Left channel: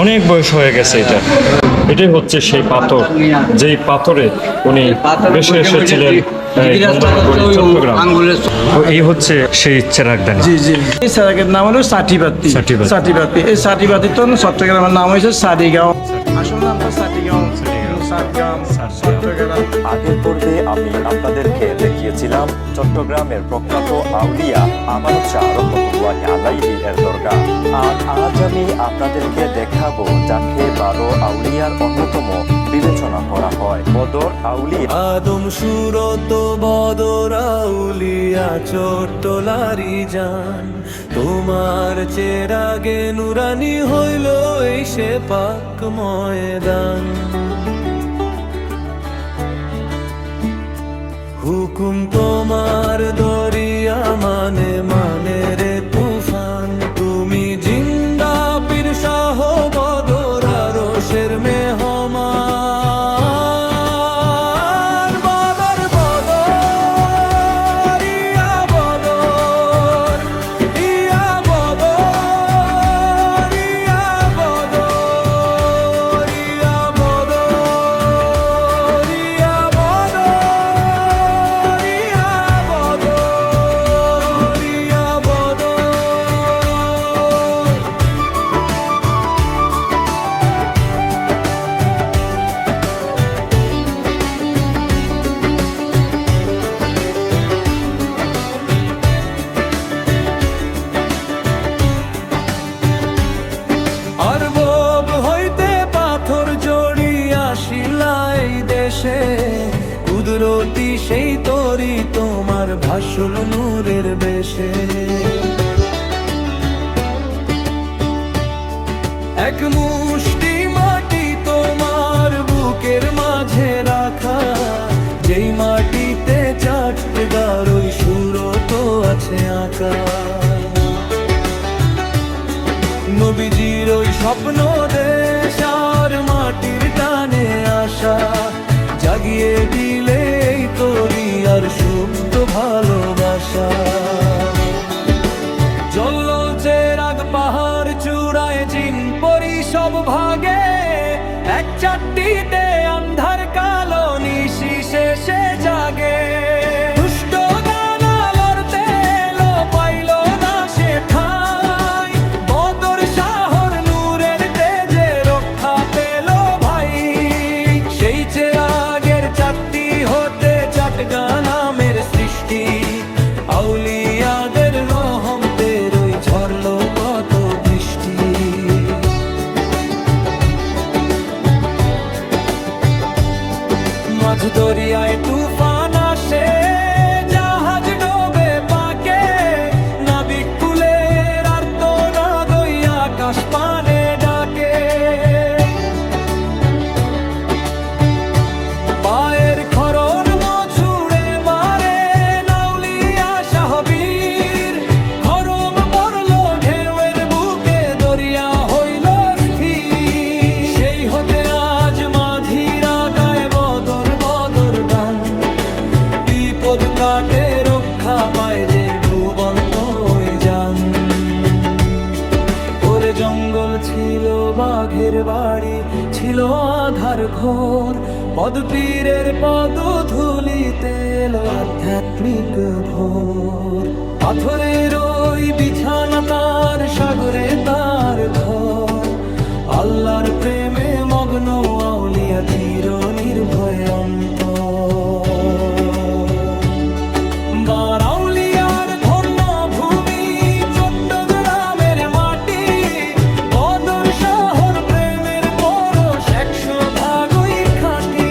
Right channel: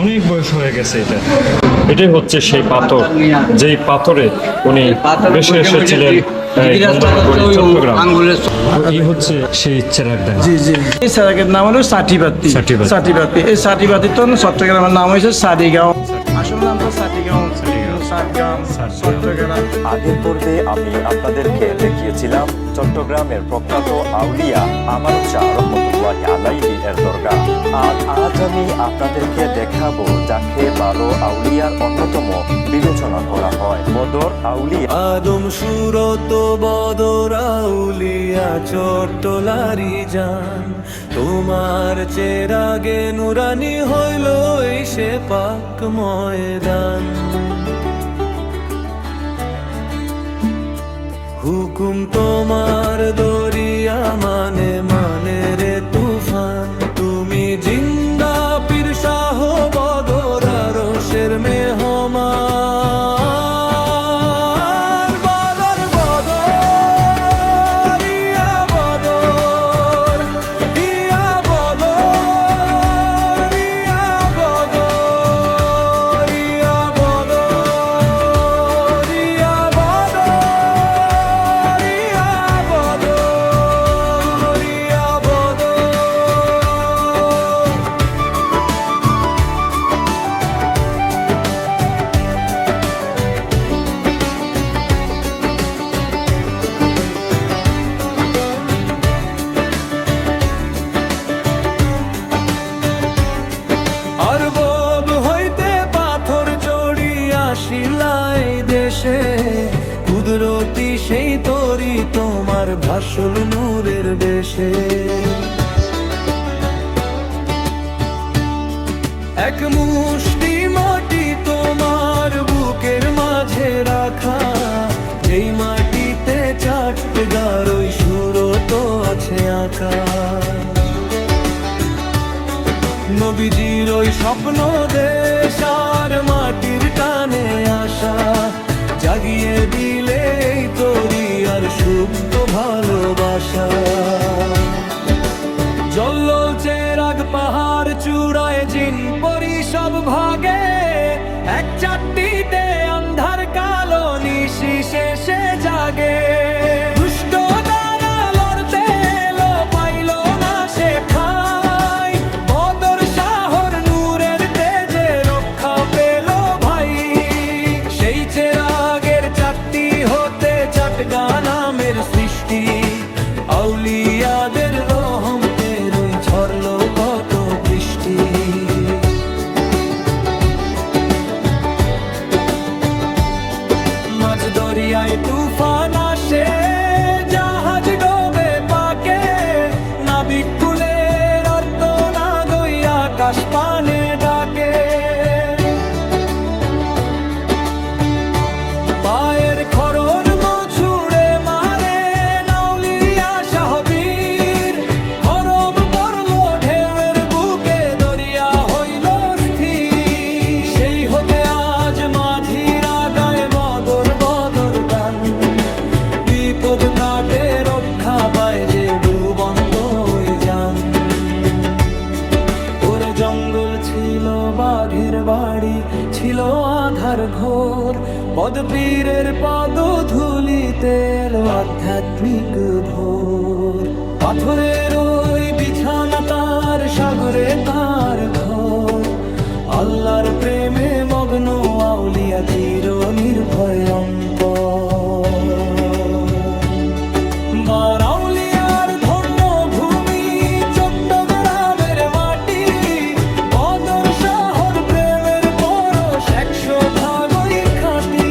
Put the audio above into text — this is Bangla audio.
অনেক বয়স হয়ে গেছে এটাই হচ্ছে সেই পাথর, যেই পাথরে উনি বেশি এসেছিলেন চট্টগ্রাম। এই হচ্ছে সেই চেরাগদানি। জি জি, এই চেরাগের নাম হলো সাটিবাতি। সাটিবাতি, এই সাটিবাতি তো চট্টগ্রামের নাম হয়েছে সাদিগাঁও। আসল নামটা সাটিগাঁও, সাতগ্রাম, চট্টগ্রাম। আগের পর্বে আমি আপনাদেরকে দেখিয়েছিলাম চট্টগ্রামের প্রখ্যাত আউলিয়া আমানত শাহ রহমতুল্লাহি আলাইহি এর দরগা। আর আজ আমি আপনাদেরকে দেখাবো যাকে 12 আউলিয়ার অন্যতম বিবেচনা করা হয়, বদর আউলিয়া। আদম সুরত বদর আউলিয়া চট্টলারি জান, তোমার চেরাগে নুরানি হইল এই সে পাক ময়দান। হুকুম তোমার দরিয়া মানে মানে রে তুফান, তুমি জিন্দা পীর শাহ বদর আরশের মেহমান। বদর বদর ইয়া বদর, ইয়া বদর, ইয়া বদর, ইয়া বদর, ইয়া বদর, ইয়া বদর, ইয়া বদর। আরব হইতে পাথর চড়িয়া আসিলাই দেশে, কুদরতি সেই তরি তোমার ভাসল নূরের বেশে। এক মুষ্টি মাটি তোমার বুকের মাঝে রাখা, যেই মাটিতে চারটে গারোই সুরত আছে আঁকা। নবীজির ওই স্বপ্ন দেশ আর মাটির টানে আসা, জাগিয়ে দিলে এই তরি আর সুপ্ত ভালোবাসা। জল্লল চেরাগ পাহাড় চূড়ায় জিন পরি সব ভাগে, এক চারটিতে আন্ধার কালো নিশি শেষে জাগে। দুষ্ট দানা লড়তে এলো পাইল না সে ঠাই, বদর শাহর নূরের তেজে রক্ষা পেল ভাই। সেই চেরাগের চারটি হতে চাটগা নামের সৃষ্টি, আউলিয়াদের রহমতের ওই ঝরলো কত বৃষ্টি। মাঝ দরিয়ায় তুফান আসে, জাহাজ ডোবে পাকে, নাবিক কুলের আর তো না গই আকাশ পানে ডাকে। পায়ের খরণ মছুড়ে মারে নাউলিয়া শাহবীর, খরম পড়লো ঢেউয়ের বুকে দরিয়া হইল স্থির। সেই হতে আজ মাঝিরা গায়ে বদর বদর গান, বিপদ কাটে রক্ষা পায় যে ডুবন্ত ওই যান। ওরে জঙ্গল ছিল বাঘের বাড়ি, ছিল আধার ঘোর, পদপীরের পদ ধুলিতে এলো আধ্যাত্মিক ভোর। পাথরের ওই বিছানা তার, সাগরে তার ঘর, আল্লাহর প্রেমে মগ্ন আউলিয়া চির নির্ভয় অন্তর। বারাউলিয়ার ধন্য ভূমি চট্টগ্রামের মাটি, বদর শহর প্রেমের পরশ 100 ভাগই খাঁটি।